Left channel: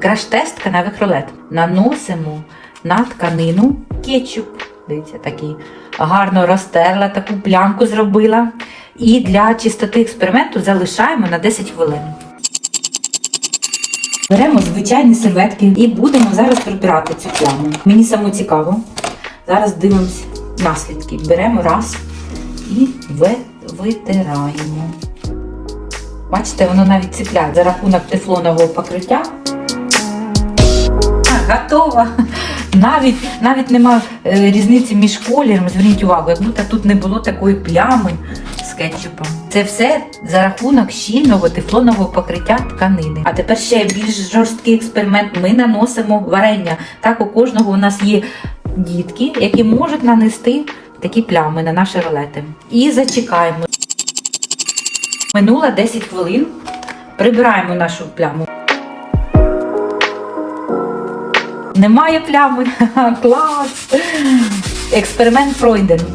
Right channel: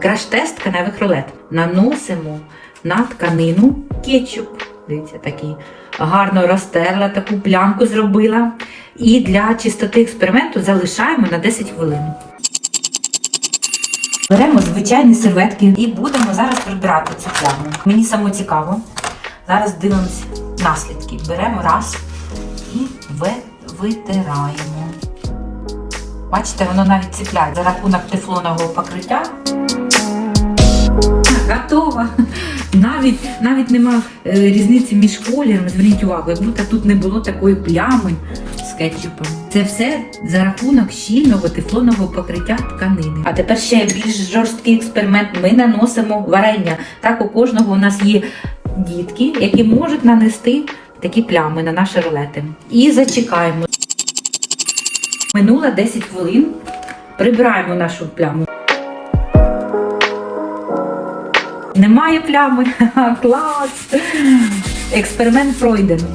Краш-тест каневих рулет. Наносимо на тканину кетчуп. Дивіться, такий гарно розтерла, таку плямку зробила. І для чистоти експерименту залишаємо на 10 хвилин. Беремо звичайні серветки і будемо зараз прибирати цю пляму. Мені само цікаво. Зараз дивимось наслідки. Беремо раз і витираємо. Бачите, воно навіть ціпляє за рахунок тефлонового покриття. Готова. Навіть, навіть немає е, різниці між кольорами. Зверніть увагу, як будто тут не було такої плями з кетчупом. Це все за рахунок щільного тефлонового покриття тканини. А тепер ще більш жорсткий експеримент. Ми наносимо варення. Так у кожного у нас є дітки, які можуть нанести такі плями на наші рулети. І зачекаємо. Минуло 10 хвилин. Прибираємо нашу пляму. Немає плями. Клас! Експеримент пройдений.